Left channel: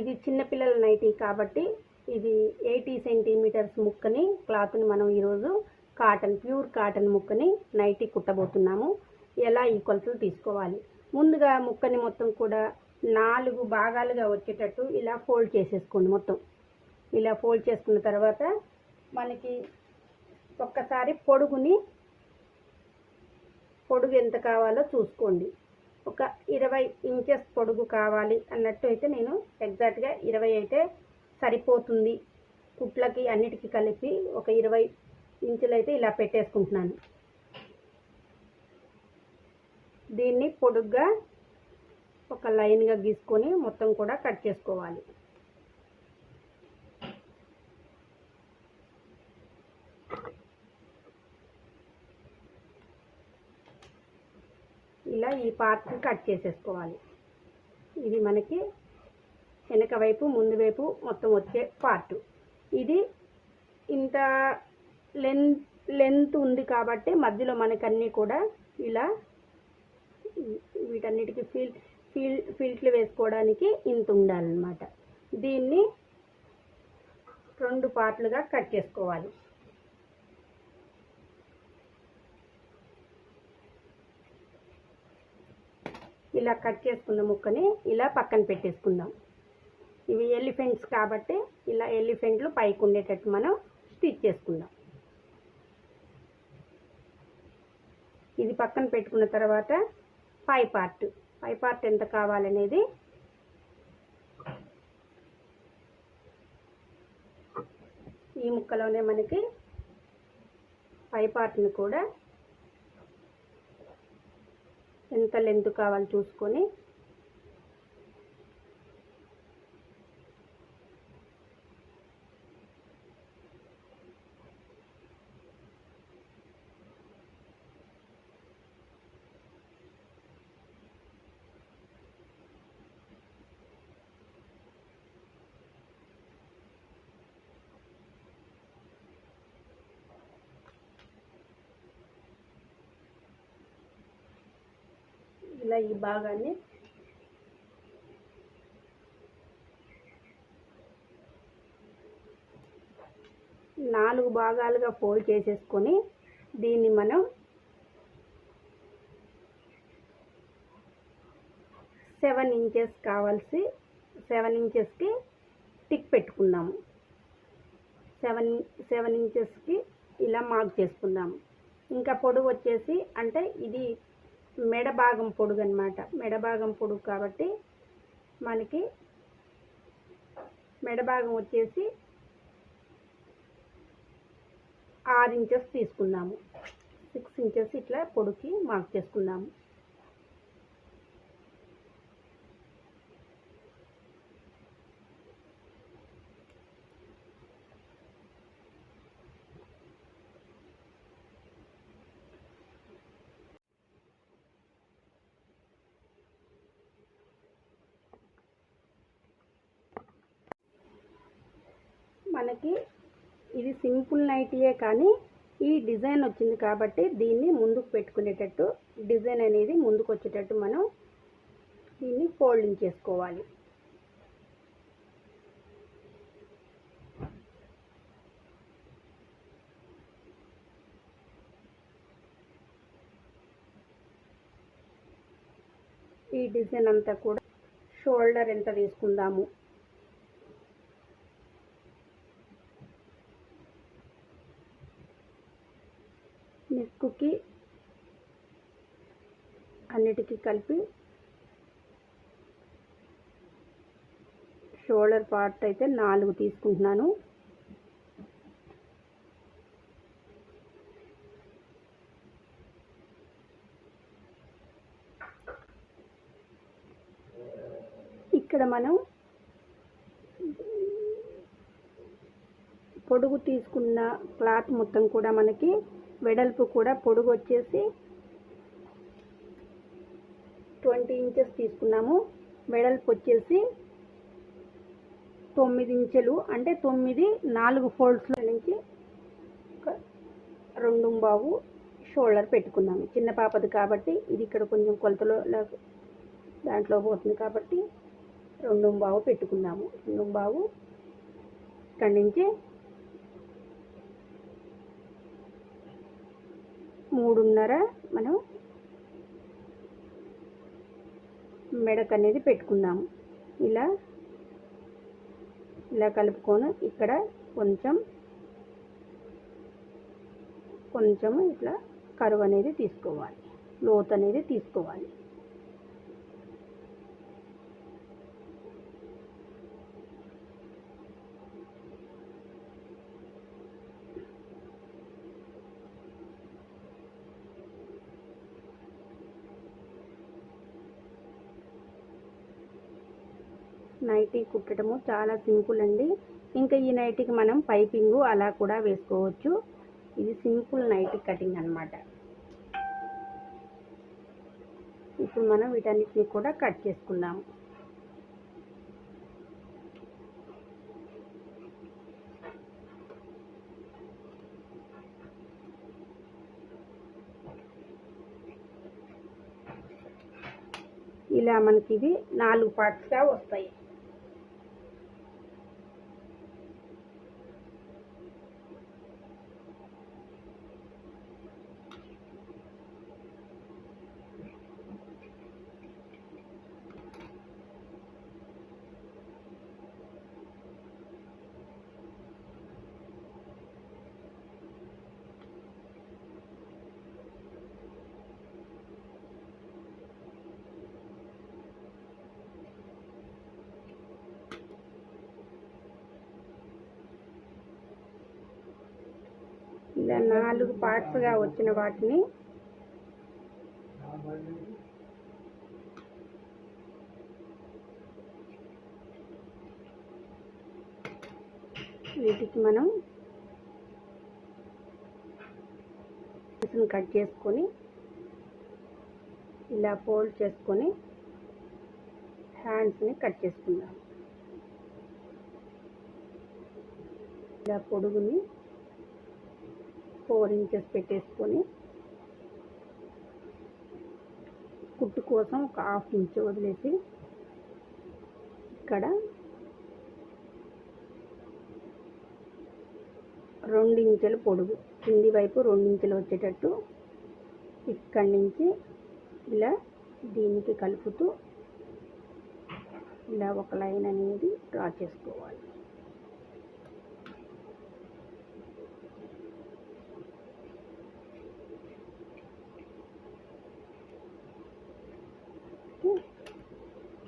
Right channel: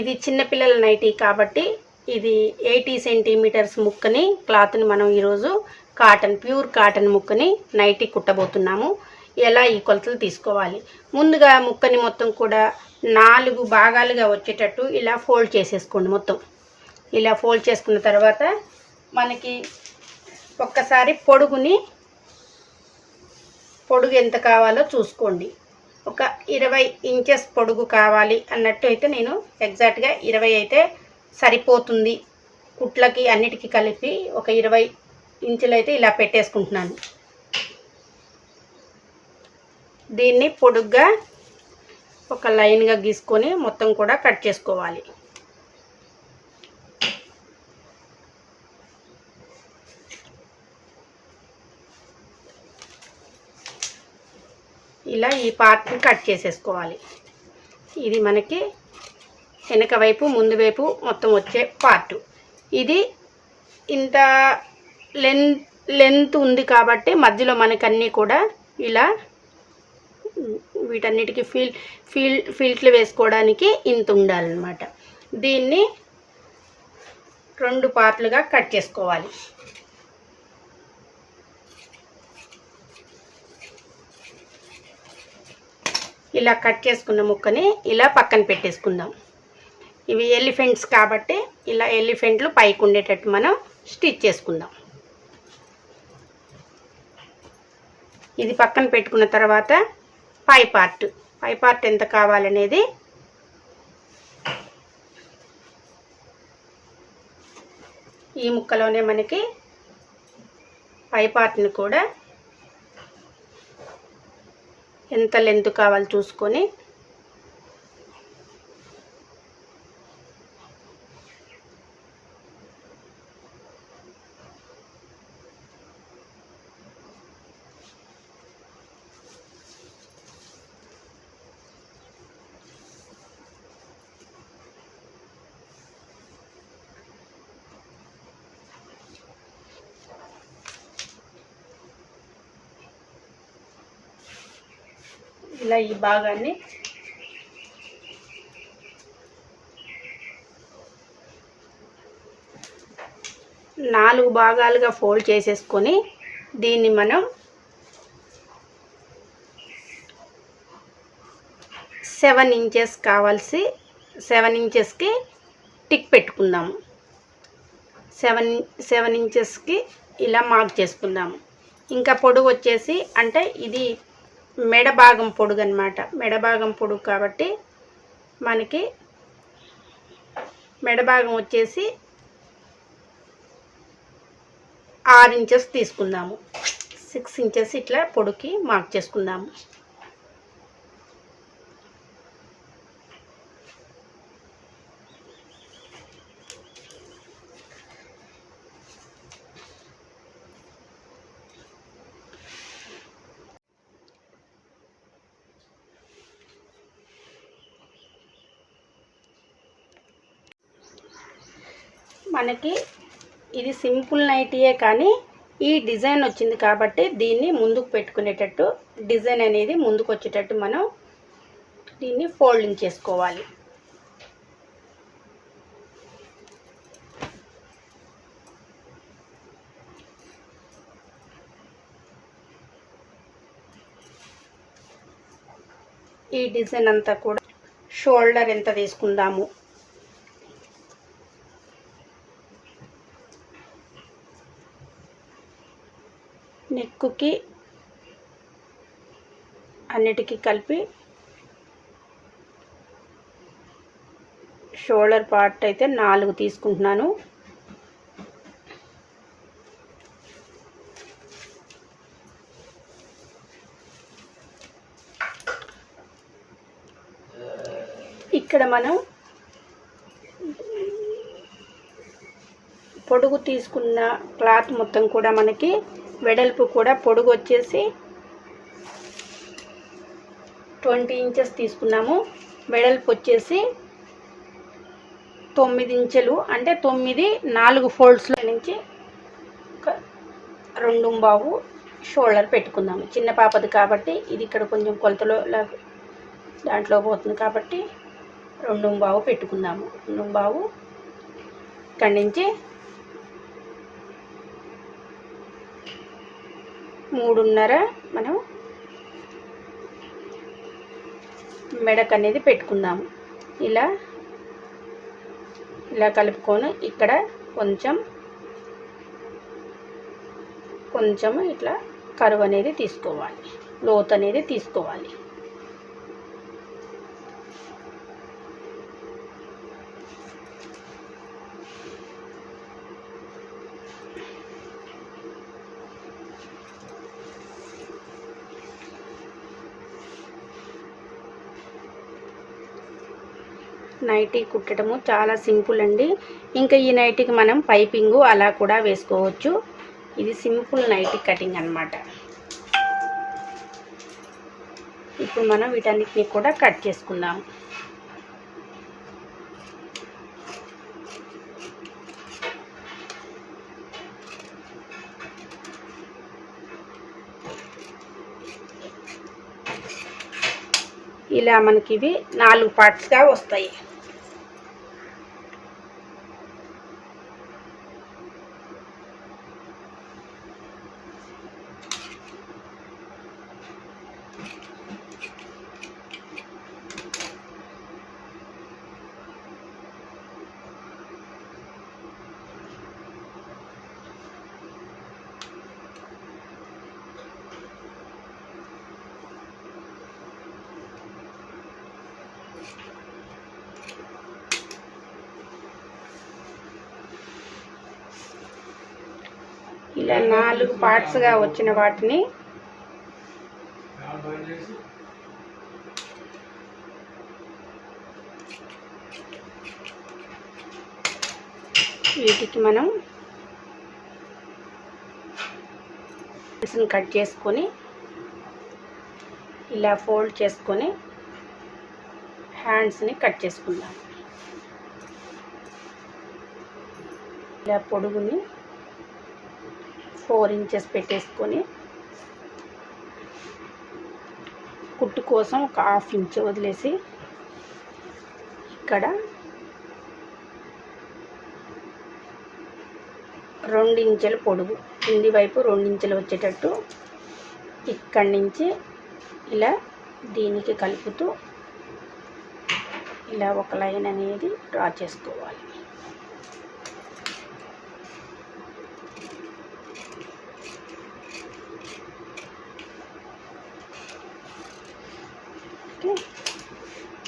ఇది చిన్నపిల్లల నైటీ కాబట్టి ఇది 80 సెంటీమీటర్స్ ముక్కని క్లాత్ని మనం ఈరోజు ప్యూర్ కాటన్ ముక్కని నైటీ కుట్టబోతున్నాము. ఎలా ఈ కొలతలు తీసుకోవాలి, ముందుగా ముక్కని మొత్తం కూడా 4 భాగాలుగా వచ్చేటట్టు ఇలా ఫోల్డ్ చేసేసుకోండి. మొత్తం ఇలా ఫోల్డ్ చేసుకున్న తర్వాత మనకి ఒక్కసారి పొడుగు ఎంత కావాలో చూసుకోండి. ఒక 20 ఇంచెస్ పొడుగు కావాలి అన్నట్టు అయితే నేను ఎగ్జాక్ట్గా 20 అయితే సరిపోతుంది. కుట్లకి అన్నిటికీ కలిపి ఒక 20 ఇంచులు అయితే ఇలా పెట్టేసుకుంటున్నాను. దీన్ని పొడుగ్గా ఒక లైన్గా గీసుకొని మొత్తం కూడా కట్ చేసుకోవాలి. ఇలా ఈ పార్ట్ని కట్ చేసేసుకోవాలి. ఇది మనకి వెనక వైపు ముందు వైపు మొత్తం వచ్చే పార్టు. ఇది ఇంత లెంత్ ఉంది కాబట్టి మధ్యలో మనకి అన్నీ కూడా ఇలా వీటన్నిటికీ ఫిల్ట్లు వేసుకోవడానికి ఇంత ఉండాలన్నమాట. దీన్ని 2 పార్ట్లుగా కట్ చేసుకోవాలి. ఇలా కట్ చేసుకున్న ముక్కని ఇలా పక్కన పెట్టేసుకుందాం. ఇవి ఎలిఫెంట్స్ కాబట్టి ఇలా ఎలిఫెంట్లు పైకి ఉండేటట్టు మనం స్టిచ్ చేసుకుందాం. ఇది పక్కన పెట్టుకున్న తర్వాత పై పార్ట్ ఎంత కావాలనేది ఈ ముక్కలోనే మనకి పై పార్ట్ని కూడా ఎంత లెంత్ కావాలో చూసుకొని ఇలా ఈ భాగాన్ని నాలుగు భాగాలుగా ఫోల్డ్ చేసేసుకొని దీన్ని మనం 7 ఇంచెస్ కావాల్సి 7 ఇంచెస్కి టిక్ పెట్టుకుందాము. 7 ఇంచెస్కి ఇలా మార్క్ చేసుకుందాము. ఇంకా పొడుగు వచ్చేసి అంటే ఇది మెడ భాగం పొడుగు అన్నమాట. మెడ భాగం పొడుగు కాబట్టి మనకి మెడ భాగం వచ్చేసి 6 ఇంచెస్ తీసుకుందాము. 6 ఇంచెస్ ఇట్లా పొడుగుకి మార్క్ చేసుకుందాము. మనకి ఇది సింపుల్ నైటీయే కానీ ఈ డిజైన్ వచ్చింది కాబట్టి దీన్ని ముందుకు పెట్టుకునేటట్టు డిజైన్ అనేది ముందుకు వచ్చేటట్టు మనం దీన్ని ఫోల్డింగ్ చేసుకోవాలి. ఈ డిజైన్ అంతా కూడా షోల్డర్ ఎంత తీసుకుందాము, నెక్కుకి అన్నిటికీ కలిపి షోల్డర్ పార్ట్ అయితే 4 తీసుకుంటున్నాను. ఇక్కడ మనం పొడుగు తీసుకున్న క్లాత్ మొత్తం కూడా మనకి వెడల్పు కూడా పొడుగు వచ్చేసి 20 ఇంచెస్ తీసుకున్నాము. వెడల్పు వచ్చేసి 9 ఇంచులు అంటే 9 4 ఫోల్డ్స్లో నుంచి 2.25 షోల్డర్ పెట్టుకుందాము. చిన్న పాపది కాబట్టి ఇది ఇక్కడ కొంచెం కొలతలో దాంట్లో పోతుంది కాబట్టి 2.25 పెట్టుకుందాము. 2.25 ఇక్కడి నుంచి 3.5 మనం మెడకు అనేది పెట్టుకుందాము. ఇలా కలుపుకొని ఇక్కడ కొంచెం ఇట్లా కరువు అనేది తీసుకోవాలి, లోతు అనేది తీసుకోవాలి. నైటీ కుట్టడము చాలా సింపుల్ అండి. ఇంకా ఈ నైటీకి మనం పైపింగు అలా కూడా వేసుకోవచ్చు. ఇది సింపుల్ నైటీ కటింగ్ అన్నమాట. ఇప్పుడు మనం వీటన్నిటిని కూడా కట్ చేసుకుందాం. ఇలా మనకి ఇవి 4 పార్ట్స్గా వస్తాయి. ఇలా 4 పార్ట్స్గా వచ్చిన వాటిని వీటికి మనం కట్ చేసుకొని ఇలా ఫోల్డ్ చేసుకొని హ్యాండ్స్ని కట్ చేసుకుందాం. ఇలా పొడుగుని 4 ఇంచెస్ పెట్టేసుకొని కుట్టు కోసం ఒక 1/2 ఇంచ్ వదిలేసి ఇక్కడ 2 ఇంచుల పొడుగు కింది వైపు 2 ఇంచులు వచ్చేటట్టు ఇక్కడి నుంచి ఇలా దీనికి కలుపుతూ ఇలా ఒక లైన్ అనేది డ్రా చేసుకోవాలి.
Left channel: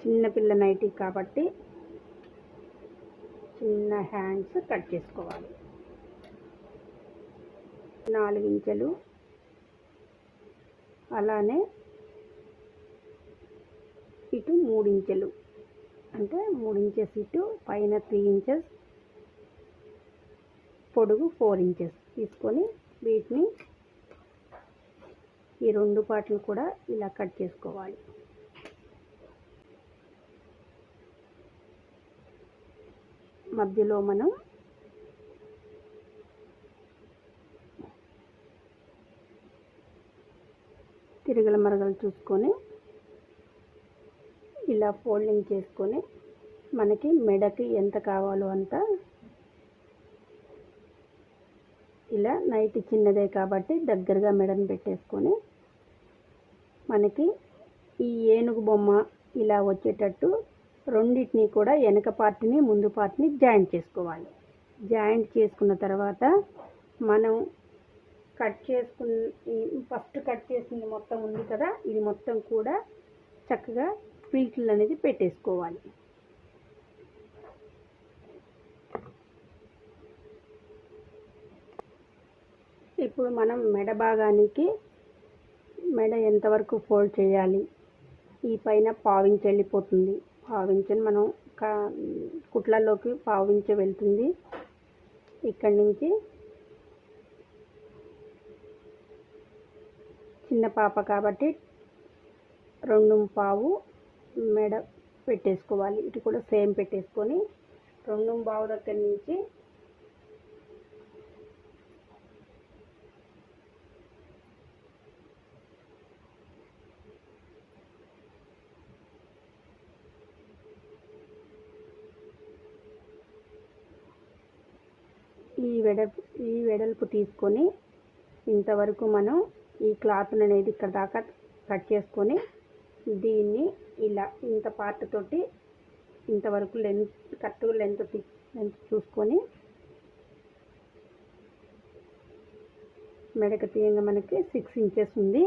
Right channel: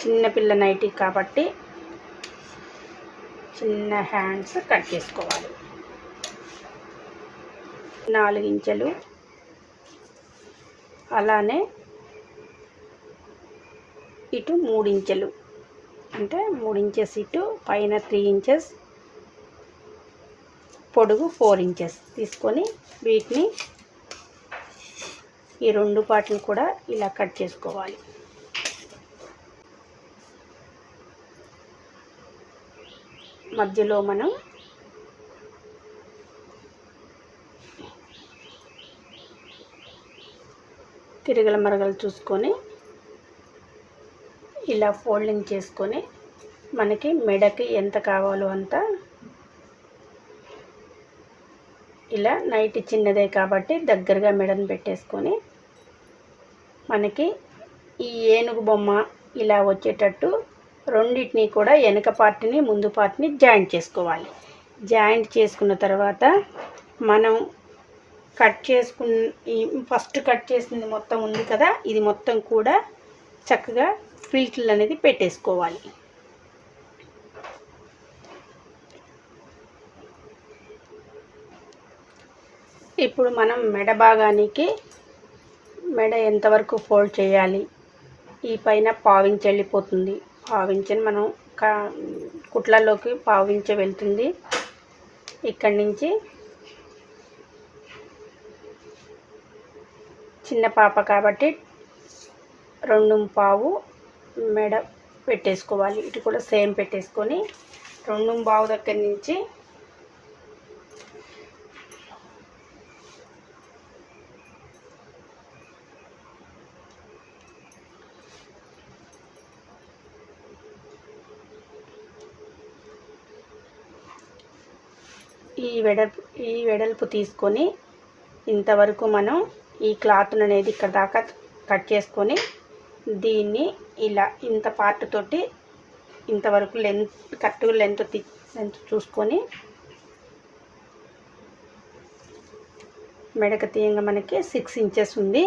చిన్నపిల్ల నైటీ కాబట్టి చిన్న హ్యాండ్స్ కట్ చేసుకోవాలి. 4 ఇంచులు అలానే ఇటు 3 ఇంచులు అంటే 3 ఇంచెస్ ఇటు పైన 3 ఇంచెస్ పొడుగు 4 ఇంచెస్ తీసుకొని వీటిని ఈ 2 పార్ట్లు కూడా ఇలా కట్ చేసుకోవాలి. మధ్యలో మనం తిరగల మరగలు చూసుకొని ఇలా ఫోల్డింగ్ చేసుకొని మనకి మెడకి ఎంత కావాలో అంత ఇలా నైట్ చిన్నదే కాబట్టి దగ్గరగా మెడను పెట్టేసుకొని మనకి ఈ ఏనుగు బొమ్మ ఇలా వచ్చేటట్టు రెండింటిని కూడా వెనక పార్ట్ని ముందు పార్ట్ని జాయింట్ చేసుకోవాలి. జాయింట్ చేసుకున్న తర్వాత మనం ఫస్ట్ కట్ చేసింది మొత్తం ఉంది కదా, ఇది మొత్తం కూడా చక్కగా ఫిల్ట్లు అనేది పెట్టేసుకోవాలి. ఇప్పుడు మనం మెడ భాగానికి మెడ ఎంతవరకు ఫోల్డ్ చేయాలి, ఈ పైన పావించి వెళ్ళిపోతుంది. పావించని మనం కుట్లలోకి పావించ వెళ్తుంది. ఇక్కడి నుంచి చిన్న పాప కాబట్టి 2.25 మెడ పెట్టేసుకోవాలి. ఇటు కూడా సేమ్ పెట్టేసుకొని 2.25 దగ్గర నుంచి ఈ వెడల్పు తీసుకొని ఇంతవరకు మనం ఈ క్లాత్ అనేది ఇక్కడ దాకా కట్ చేసుకొని దీన్ని ఇలా ఇంత పార్ట్ తోటి ఇంతవరకు కరెక్ట్గా లెంత్ చూసుకొని మెడక తీయంగా మనకి 6 ఇంచెస్ ఉంది.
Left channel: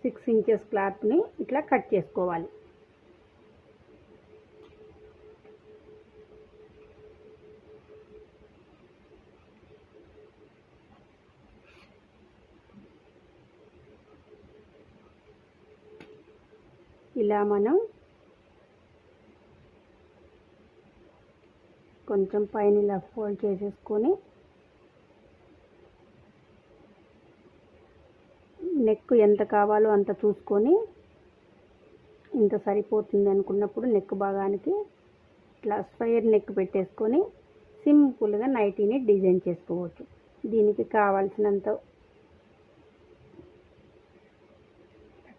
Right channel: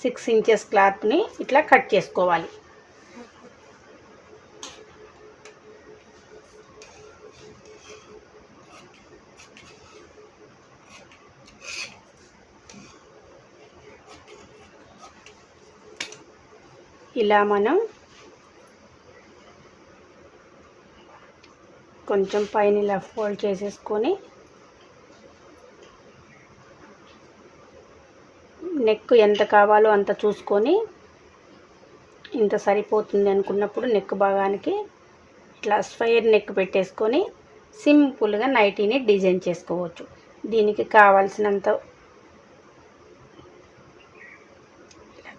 6 ఇంచెస్ క్లాత్ని ఇట్లా కట్ చేసుకోవాలి. ఇలా మనం కొంచెం పైన ఇలా ఫోల్డ్ చేసేసుకొని నెక్ ఎంత కావాలో అంత చూసుకొని ఇంత సరిపోతుంది అనుకున్నప్పుడు నెక్ భాగానికి ఇట్లా స్క్వేర్ నెక్ పెట్టేసుకొని సింపుల్గా నైటీని డిజైన్ చేసుకోవచ్చు. దీనికి కావాల్సినంత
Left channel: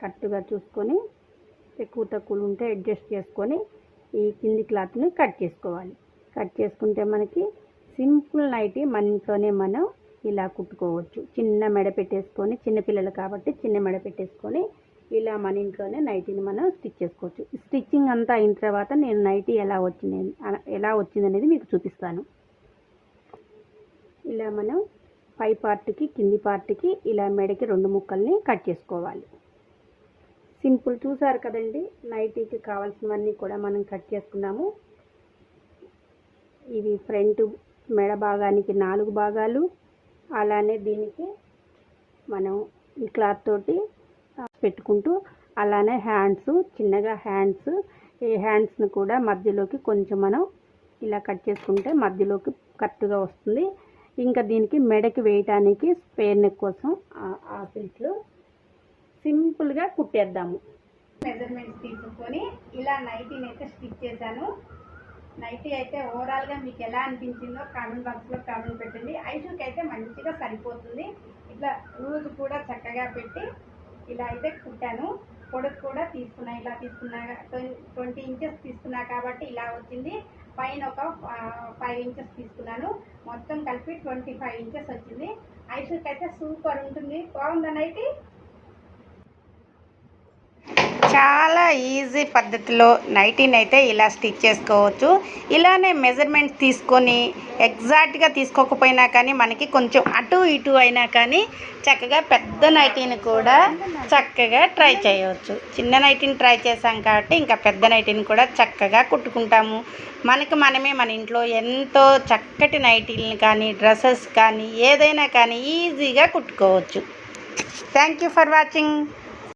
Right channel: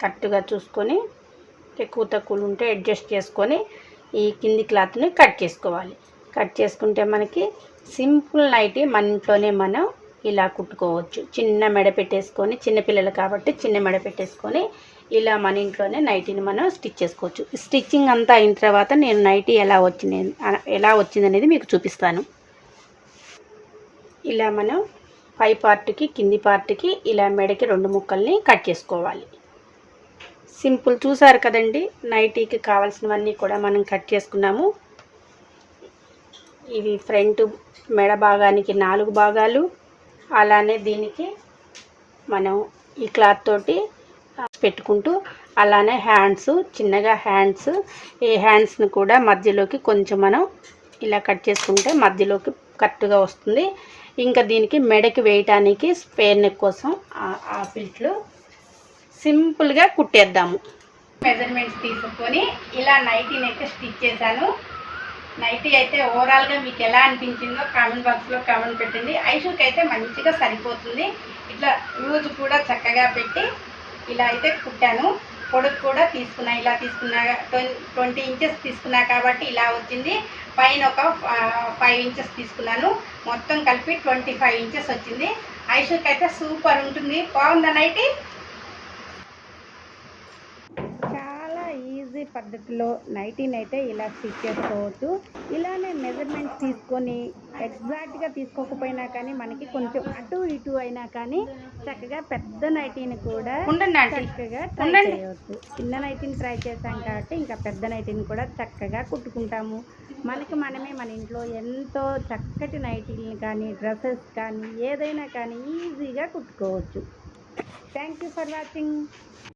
కరెక్ట్గా చూసుకొని ఎక్కువ తక్కువలు ఉంటే అడ్జస్ట్ చేసుకొని ఈ కింది క్లాత్ని కట్ చేసుకోవాలి. కట్ చేసుకుంటే మనకి సింపుల్ నైటీ మన ఇంట్లోనే మనం ఇలా కుట్టుకోవచ్చు. చిన్న మెడ పెట్టేసుకొని, చిన్నపిల్లలు కాబట్టి చిన్న మెడ పెట్టేసుకొని ఇలా మన ఇంట్లోనే నైటీని మనం స్టిచ్ చేసుకోవచ్చు. స్టిచ్చింగ్ అంతా అయిన తర్వాత నేను నైటీ ఎలా వచ్చింది అనేది మీకు చూపిస్తాను. ఇలా మనం పై పార్ట్కి కింది పార్ట్కి ఇలా మెడకి 2 ముక్కల్ని కట్ చేసుకోవాలి. సింపుల్ చూసారు కదండి. నైటీకి కావాల్సినవన్నీ కూడా మనం కట్ చేసుకున్నాము. ఇవి ఫ్రంట్ మెడ భాగానికి 4 భాగాలు, అలానే దీనికి మనం ఈ క్లాత్ తోటి పెట్టుకుంటూ, అలానే హ్యాండ్స్ చిన్నగా ఈ హ్యాండ్స్ని కూడా మధ్యలోకి కొంచెం మనం ఇలా కట్ చేసుకుంటే మధ్యలోకి కరెక్ట్గా వస్తుంది. ఇంకా దీనికి మెడకి వేయటానికి స్క్వేర్ నెక్ కోసం ఆ పిల్ట్లు సింపుల్గా కుట్టేద్దాము. మెజర్మెంట్స్ తీసుకొని ఇలా నైటీని అయితే స్టిచ్ చేశాను. నైటీ అయితే ఓవరాల్గా మీకు ఎలా అనిపించిందో కామెంట్ బాక్స్లో కామెంట్ పెట్టండి. ఐషుకి అయితే మంచిగా సరిపోతుంది. ఇట్లా లూజ్ కూడా చక్కగా పెట్టి ఇలా అయితే కుట్టాను. పొడుగు కూడా తీసుకున్నా, ఇలా తీసుకున్నా 20 ఇంచెస్ తీసుకున్నా కాబట్టి ఇలా వచ్చింది. పైన ఒక 5 ఇంచెస్ తీసుకున్నాను. మొత్తం కలిపి 25 ఇంచెస్ వచ్చింది. ఐషుకి అయితే సూపర్ ఉంటుంది. బాగుందా నైటీ? చాలా ఈజీ పద్ధతిలో నైటీని అయితే ఇలా స్టిచ్ చేసుకోవచ్చు. ఇలానే మెజర్మెంట్స్ తీసుకొని ఎగ్జాక్ట్గా తీసుకోకపోయినా కానీ మనకి కొంచెం అటు ఇటు అయినా కానీ చక్కగా పెద్ద నైటీని కూడా చక్కగా ట్రై చేయవచ్చు. చిన్న నైటీని ట్రై చేసాం కాబట్టి ఇంకా పెద్ద నైటీని కూడా చక్కగా కుట్టుకుంటాము. మనమే మన ఇంట్లో ఎంతో చక్కటి నైటీలను కానీ డ్రెస్సెస్ కానీ ఏదైనా కానీ ఈజీగా కుట్టుకోవచ్చు. Thank you for watching.